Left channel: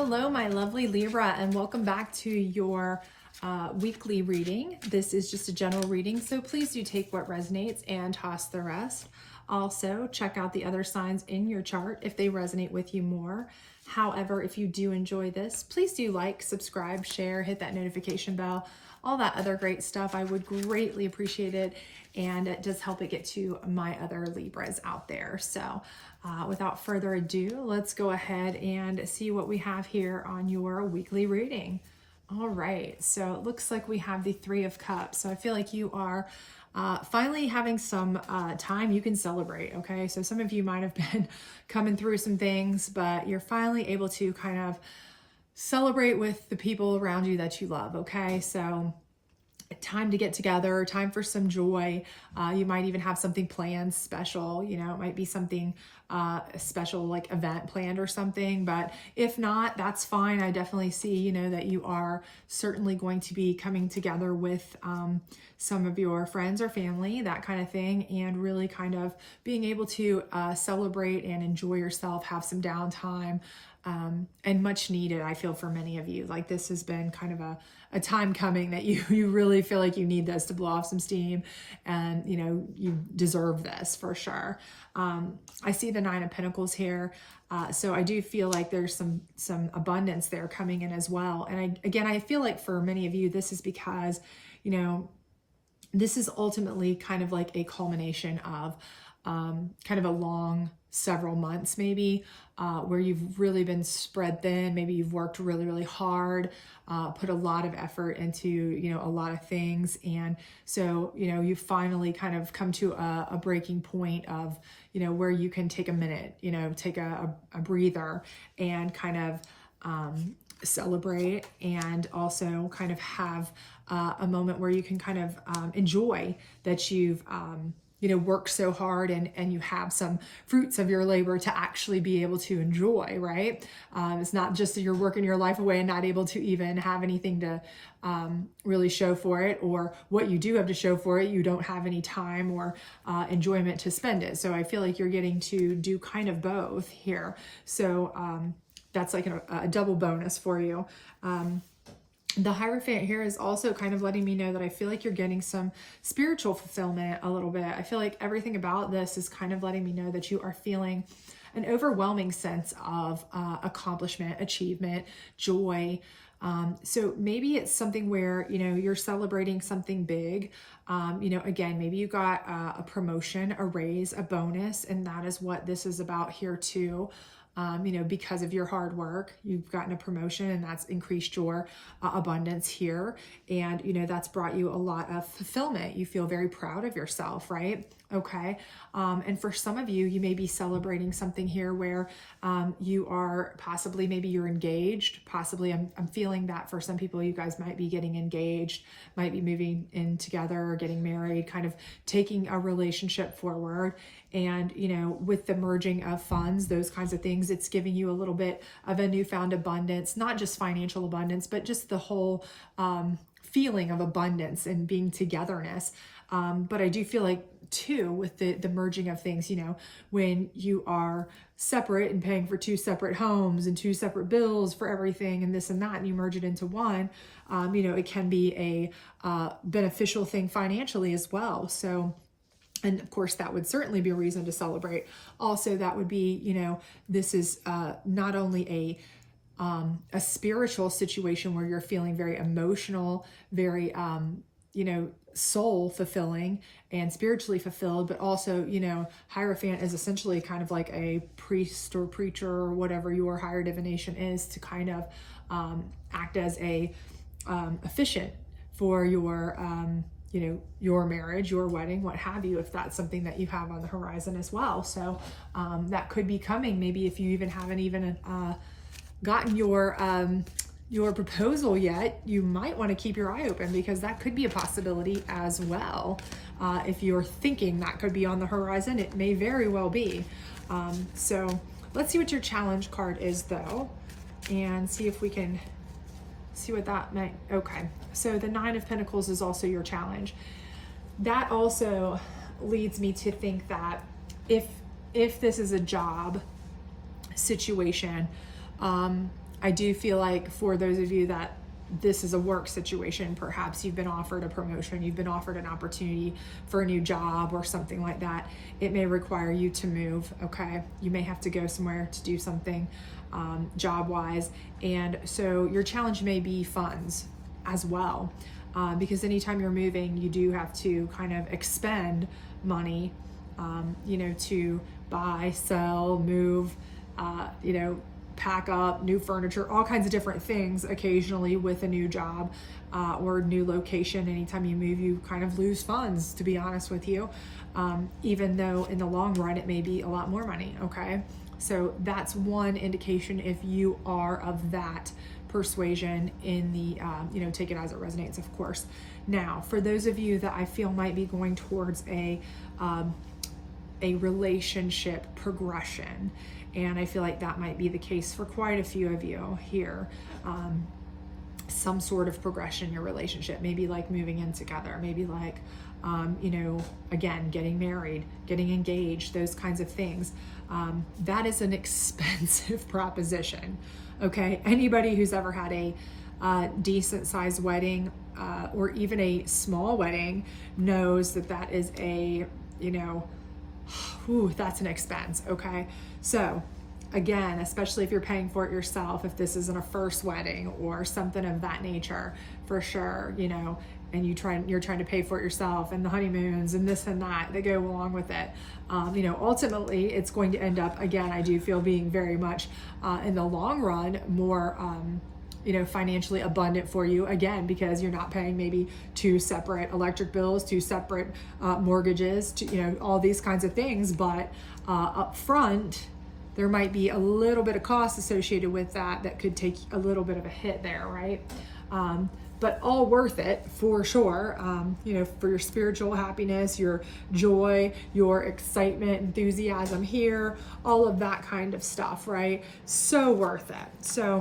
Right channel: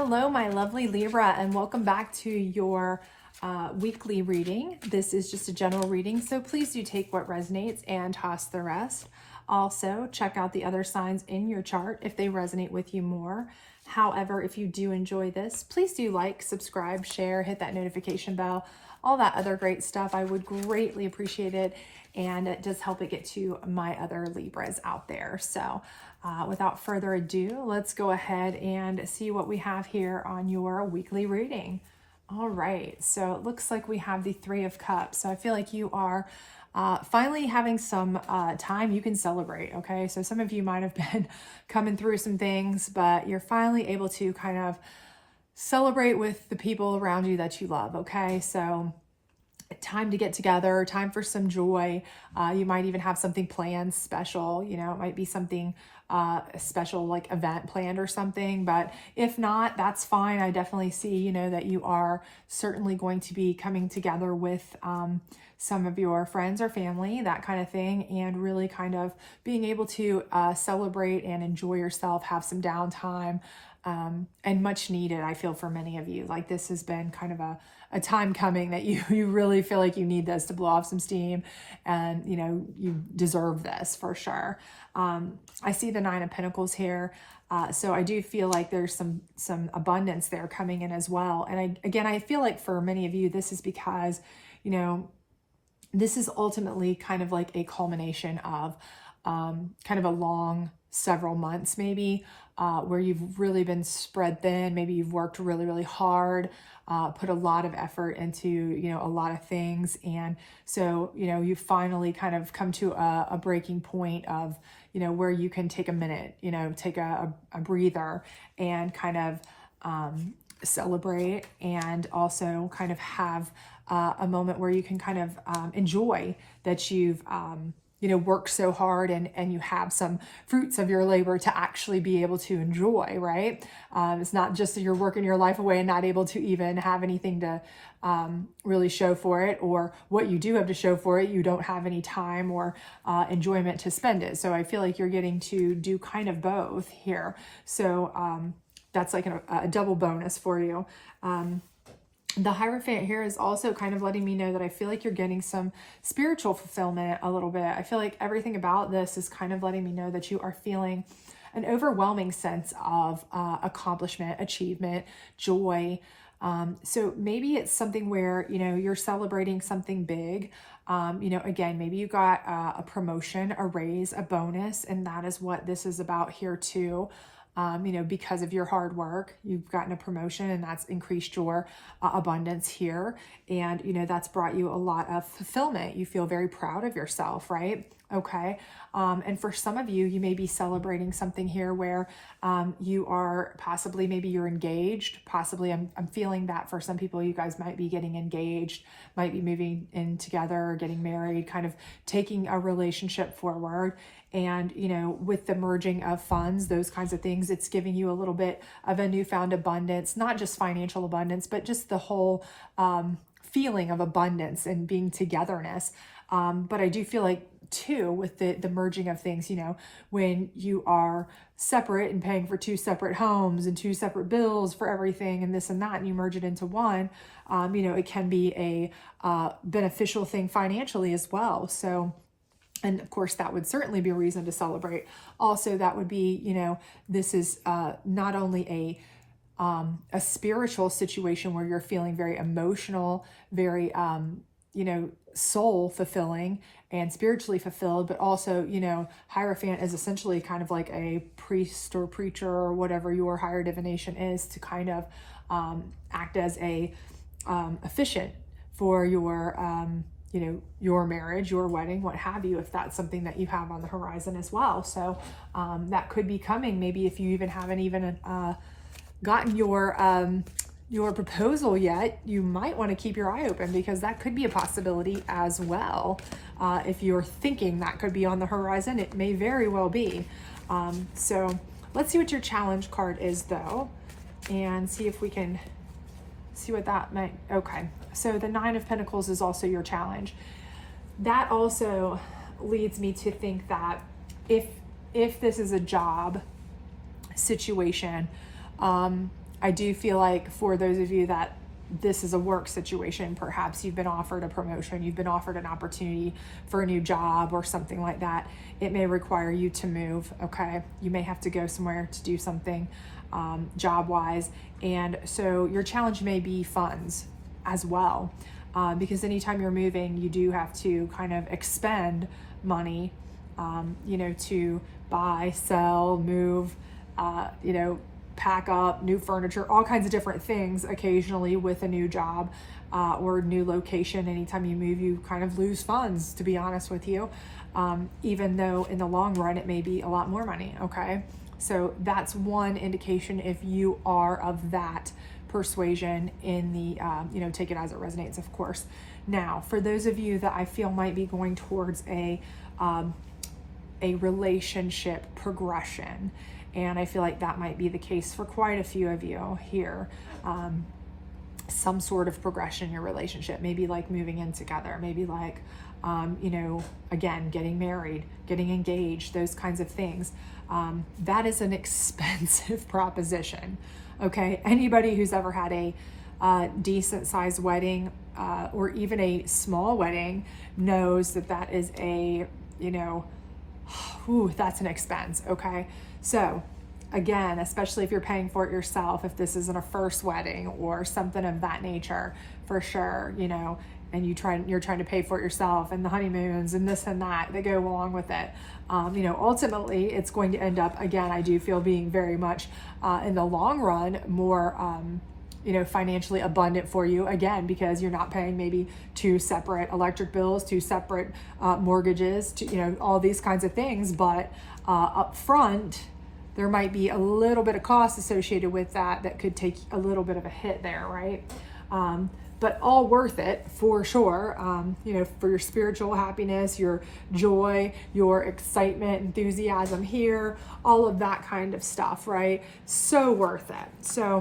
Hello, my lovely Libra, and welcome back to your weekly reading. This is just a general reading, so please do take what resonates and toss the rest. Also, check out the other signs in your chart if they resonate with you more. However, if you do enjoy this, please do like, subscribe, share, hit that notification bell, all that other great stuff. I would greatly appreciate it, and it does help it get to my other Libras out there. So without further ado, let's go ahead and see what we have here on your weekly reading. All right, so it looks like we have the Three of Cups. So I feel like you are finally having some time you can celebrate, okay? So some of you might have been coming through some things, but you're finally able to kind of celebrate with the people around you that you love, okay? So time to get together, time for some joy. You might even have something planned special, you know, it might be something a special like event planned or something, but if not, that's fine. I definitely see, you know, that you are certainly going to be coming together with some of your friends or family, that kind of thing, and really kind of being able to celebrate and enjoy yourself, have some downtime, and much needed, I feel, for many of you. Like this has been kind of a time coming that you really feel like you need this to blow off some steam, and you know, you deserve this for sure. I see the Nine of Pentacles here. So I do feel like there's some abundance there coming in as well. And I feel like for many of you, this is because, you know, this is ultimately kind of like a culmination of kind of a long several months maybe, where you've really been spread thin. Maybe you've worked really, really hard, put a lot of effort into, you know, a lot of things. And so, you know, you finally kind of come to a breaking point of, you know, where you can take a minute, you know, take a breather and kind of celebrate, and also kind of have a moment where you can kind of enjoy that you've you know, worked so hard, and you have some fruits of your labor to actually be able to enjoy, right? It's not just that you're working your life away and not able to even have anything to really show for it, or what you do have to show for it, you don't have any time or enjoyment to spend it. So I feel like you're getting to do kind of both here. So that's like a double bonus for you. The Hierophant here is also kind of letting me know that I feel like you're getting some spiritual fulfillment a little bit. I feel like everything about this is kind of letting me know that you are feeling an overwhelming sense of accomplishment, achievement, joy. So maybe it's something where, you know, you're celebrating something big. You know, again, maybe you got a promotion, a raise, a bonus, and that is what this is about here too. You know, because of your hard work, you've gotten a promotion, and that's increased your abundance here. And, you know, that's brought you a lot of fulfillment. You feel very proud of yourself, right? Okay. And for some of you, you may be celebrating something here where you are possibly, maybe you're engaged. Possibly, I'm feeling that for some people, you guys might be getting engaged, might be moving in together, getting married, kind of taking a relationship forward. And, you know, with the merging of funds, those kinds of things, it's giving you a little bit of a newfound abundance, not just financial abundance, but just the whole feeling of abundance and being togetherness. But I do feel like too, with the merging of things, you know, when you are separate and paying for two separate homes and two separate bills for everything and this and that, and you merge it into one, you know, it can be a beneficial thing financially as well. So, and of course, that would certainly be a reason to celebrate. Also, that would be, you know, this is not only a spiritual situation where you're feeling very emotional, very, you know, soul fulfilling and spiritually fulfilled, but also, you know, Hierophant is essentially kind of like a priest or preacher or whatever your higher divination is, to kind of act as a officiant for your you know, your marriage, your wedding, what have you, if that's something that you have on the horizon as well. So that could be coming. Maybe if you even haven't even gotten your proposal yet, you might want to keep your eye open, because that could be a possibility as well. If you're thinking that could be on the horizon, it may very well be. So let's see what your challenge card is though, and see if we can see what that might. Okay, so the Nine of Pentacles is also your challenge. That also leads me to think that if this is a job situation, I do feel like for those of you that this is a work situation, perhaps you've been offered a promotion, you've been offered an opportunity for a new job or something like that. It may require you to move, okay? You may have to go somewhere to do something job-wise. And so your challenge may be funds as well, because anytime you're moving, you do have to kind of expend money, to buy, sell, move, pack up new furniture, all kinds of different things occasionally with a new job or new location. Anytime you move, you kind of lose funds, to be honest with you, even though in the long run it may be a lot more money, okay? So that's one indication if you are of that persuasion in the, take it as it resonates, of course. Now, for those of you that I feel might be going towards a relationship progression, and I feel like that might be the case for quite a few of you here. Some sort of progression in your relationship, maybe like moving in together, maybe like, again, getting married, getting engaged, those kinds of things. That is an expensive proposition, okay? Anybody who's ever had a decent sized wedding or even a small wedding knows that that is a, that's an expense, okay? So again, especially if you're paying for it yourself, if this isn't a first wedding or something of that nature, for sure, and you're trying to pay for it yourself, and the honeymoons and this and that go along with it. Ultimately it's going to end up, again, I do feel being very much in the long run more financially abundant for you, again, because you're not paying maybe 2 separate electric bills, 2 separate mortgages, all these kinds of things. But up front, there might be a little bit of cost associated with that could take a little bit of a hit there, right? But all worth it for sure, for your spiritual happiness, your joy, your excitement, enthusiasm here, all of that kind of stuff, right? So worth it. So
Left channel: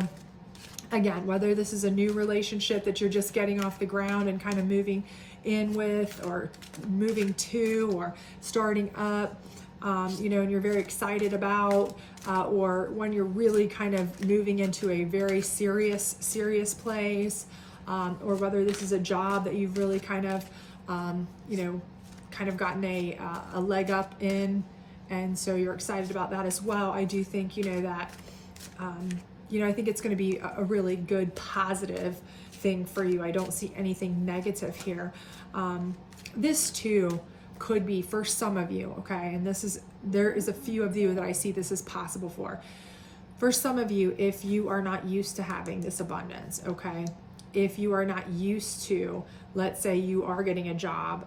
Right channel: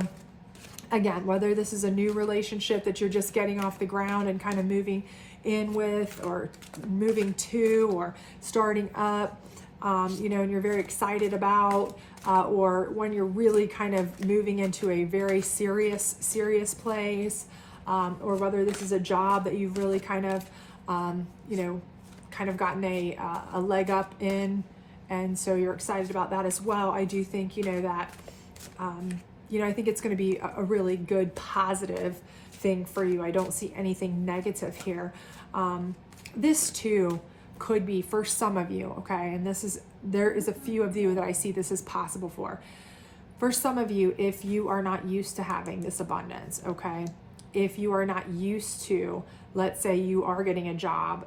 again, whether this is a new relationship that you're just getting off the ground and kind of moving in with, or moving to, or starting up, and you're very excited about, or when you're really kind of moving into a very serious place, or whether this is a job that you've really kind of gotten a leg up in, and so you're excited about that as well. I do think, that, I think it's going to be a really good positive thing for you. I don't see anything negative here. This too could be for some of you, okay? And there is a few of you that I see this is possible for. For some of you, if you are not used to having this abundance, okay? If you are not used to, let's say you are getting a job,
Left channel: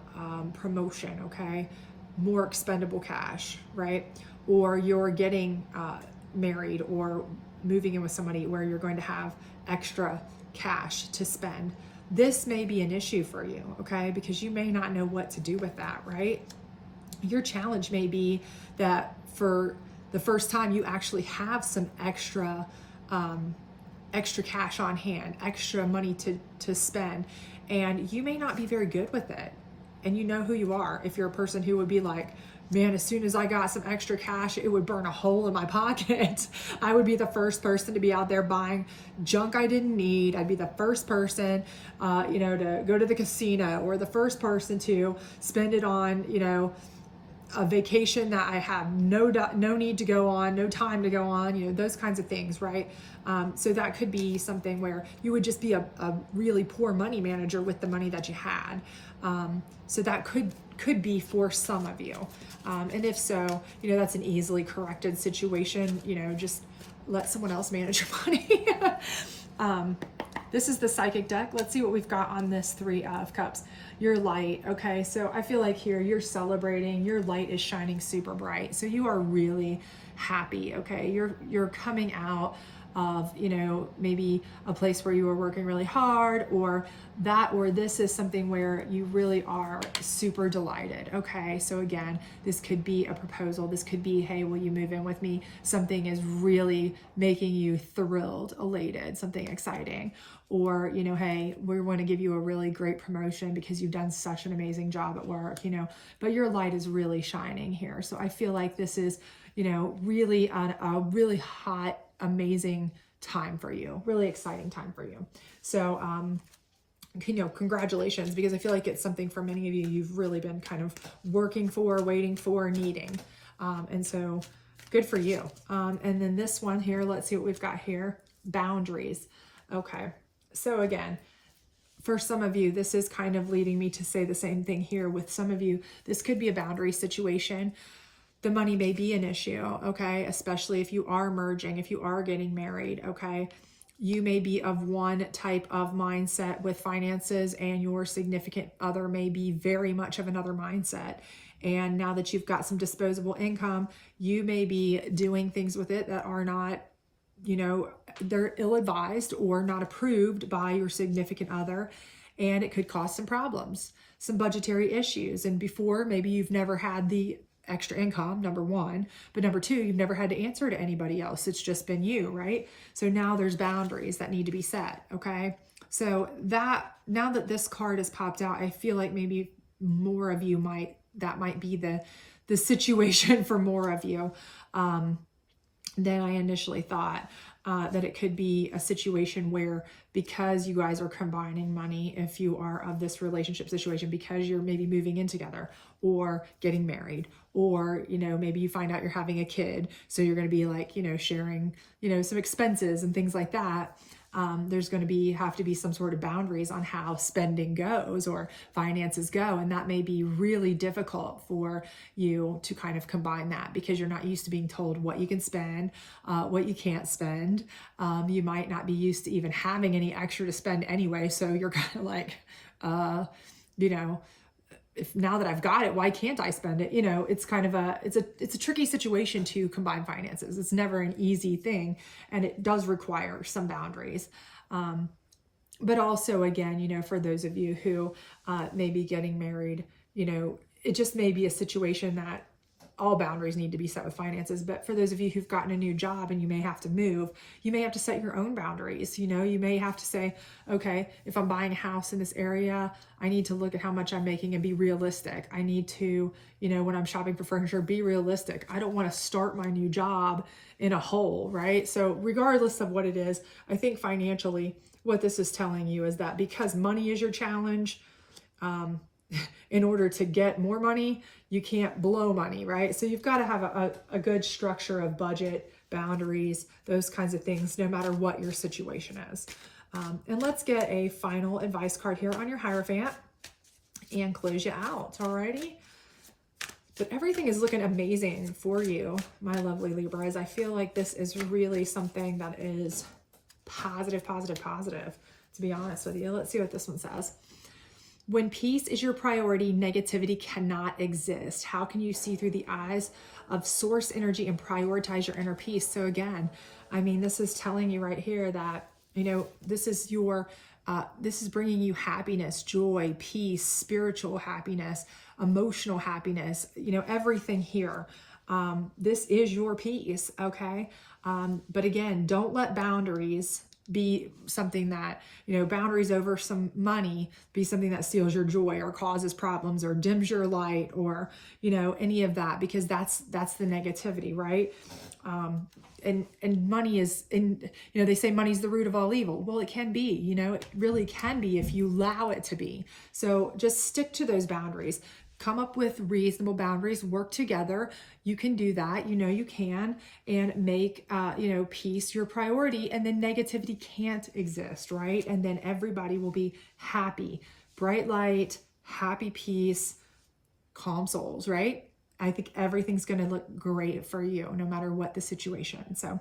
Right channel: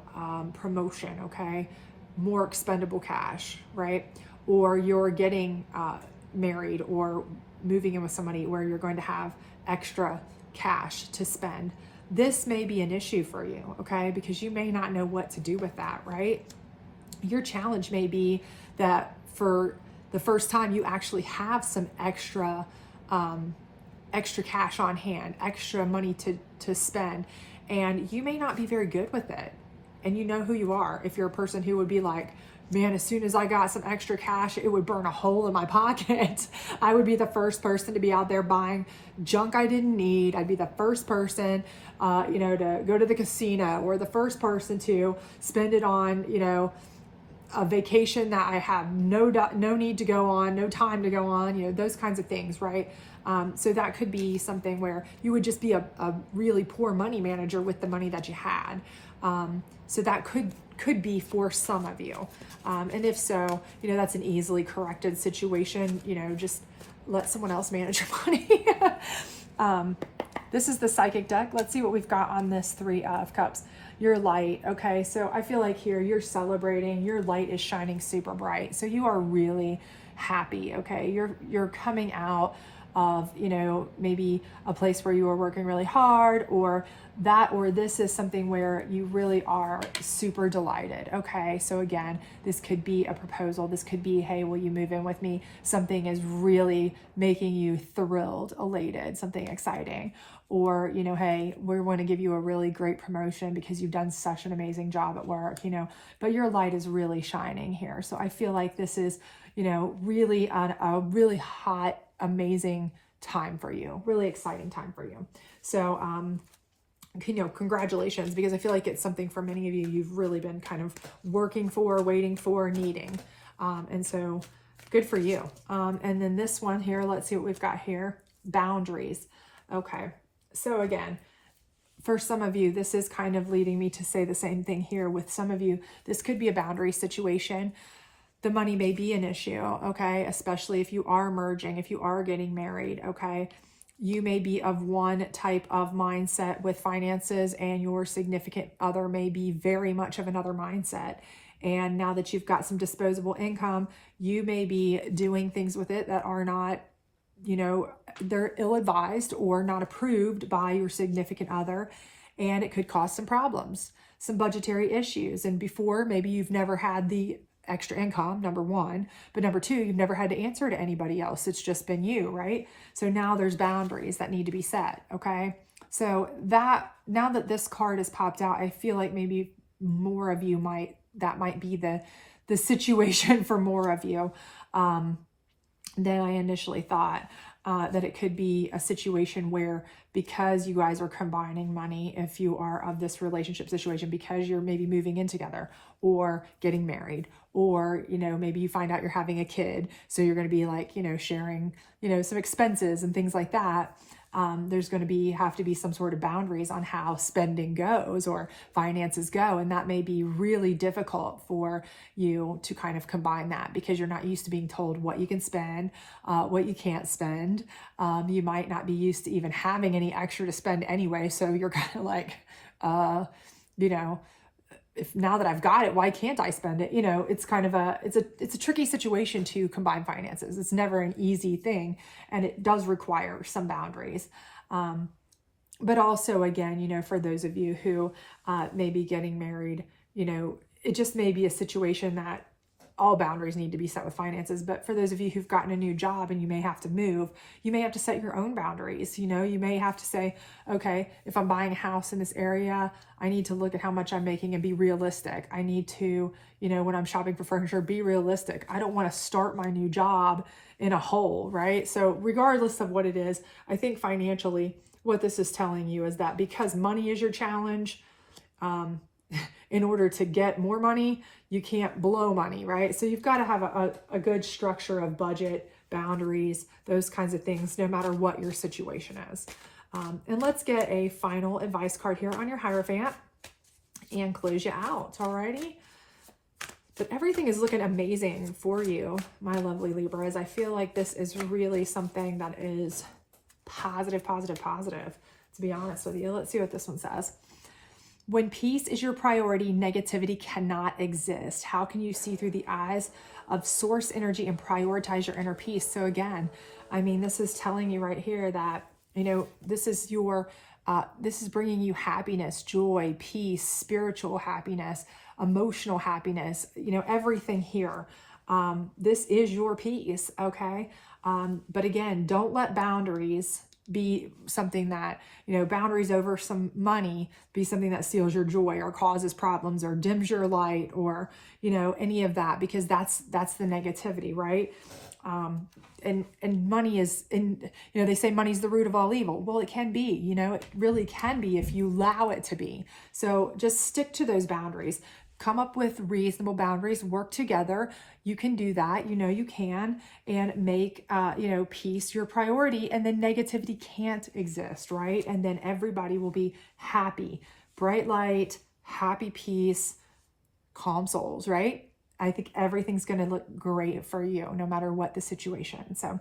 promotion, okay? More expendable cash, right? Or you're getting married or moving in with somebody where you're going to have extra cash to spend. This may be an issue for you, okay? Because you may not know what to do with that, right? Your challenge may be that for the first time you actually have some extra cash on hand, extra money to spend, and you may not be very good with it. And you know who you are. If you're a person who would be like, man, as soon as I got some extra cash, it would burn a hole in my pocket. I would be the first person to be out there buying junk I didn't need. I'd be the first person, to go to the casino, or the first person to spend it on, a vacation that I have no need to go on, no time to go on, those kinds of things, right? So that could be something where you would just be a really poor money manager with the money that you had. So that could be for some of you. And if so, that's an easily corrected situation. Just let someone else manage your money. This is the psychic deck. Let's see what we've got on this 3 of Cups. Your light. Okay, so I feel like here you're celebrating. Your light is shining super bright. So you are really happy. Okay, you're coming out of, maybe a place where you were working really hard, or this is something where you really are super delighted. Okay, so again, this could be a proposal. This could be, hey, will you move in with me? Something is really making you thrilled, elated, something exciting. Or, hey, we want to give you a really great promotion because you've done such an amazing job at work, but your light is really shining here. So I feel like this is, really on a really hot amazing time for you, really exciting time for you. So, congratulations, because I feel like it's something for many of you, you've really been kind of working for, waiting for, needing. And so good for you. And then this one here, let's see what we've got here. Boundaries. Okay. So again, for some of you, this is kind of leading me to say the same thing here. With some of you, this could be a boundary situation. The money may be an issue, okay? Especially if you are merging, if you are getting married, okay? You may be of one type of mindset with finances, and your significant other may be very much of another mindset. And now that you've got some disposable income, you may be doing things with it that are not, they're ill-advised or not approved by your significant other. And it could cause some problems, some budgetary issues. And before, maybe you've never had the extra income, number one, but number two, you've never had to answer to anybody else. It's just been you, right? So now there's boundaries that need to be set, okay? So that, now that this card has popped out, I feel like maybe more of you that might be the situation for more of you than I initially thought. That it could be a situation where, because you guys are combining money, if you are of this relationship situation, because you're maybe moving in together or getting married, or, maybe you find out you're having a kid. So you're going to be like, sharing, some expenses and things like that. There's going to have to be some sort of boundaries on how spending goes or finances go. And that may be really difficult for you to kind of combine that, because you're not used to being told what you can spend, what you can't spend. You might not be used to even having any extra to spend anyway. So you're kind of like, if now that I've got it, why can't I spend it? It's kind of it's a tricky situation to combine finances. It's never an easy thing, and it does require some boundaries. But also, again, for those of you who may be getting married, it just may be a situation that all boundaries need to be set with finances. But for those of you who've gotten a new job and you may have to move, you may have to set your own boundaries. You may have to say, okay, if I'm buying a house in this area, I need to look at how much I'm making and be realistic. I need to, when I'm shopping for furniture, be realistic. I don't want to start my new job in a hole, right? So regardless of what it is, I think financially, what this is telling you is that because money is your challenge, in order to get more money, you can't blow money, right? So you've got to have a good structure of budget, boundaries, those kinds of things, no matter what your situation is. And let's get a final advice card here on your Hierophant and close you out, alrighty? But everything is looking amazing for you, my lovely Libras. I feel like this is really something that is positive, to be honest with you. Let's see what this one says. When peace is your priority, negativity cannot exist. How can you see through the eyes of source energy and prioritize your inner peace? So again, this is telling you right here that, this is this is bringing you happiness, joy, peace, spiritual happiness, emotional happiness, everything here. This is your peace, okay? But again, don't let boundaries be something that, boundaries over some money be something that steals your joy or causes problems or dims your light or, any of that, because that's the negativity, right? And money is they say money's the root of all evil. Well, it can be, it really can be if you allow it to be. So just stick to those boundaries. Come up with reasonable boundaries, work together. You can do that, you can, and make, peace your priority, and then negativity can't exist, right? And then everybody will be happy, bright light, happy peace, calm souls, right? I think everything's going to look great for you, no matter what the situation. So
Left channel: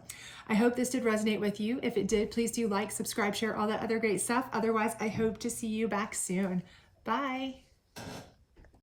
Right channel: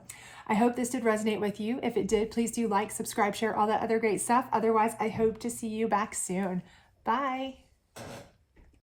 I hope this did resonate with you. If it did, please do like, subscribe, share, all that other great stuff. Otherwise, I hope to see you back soon. Bye.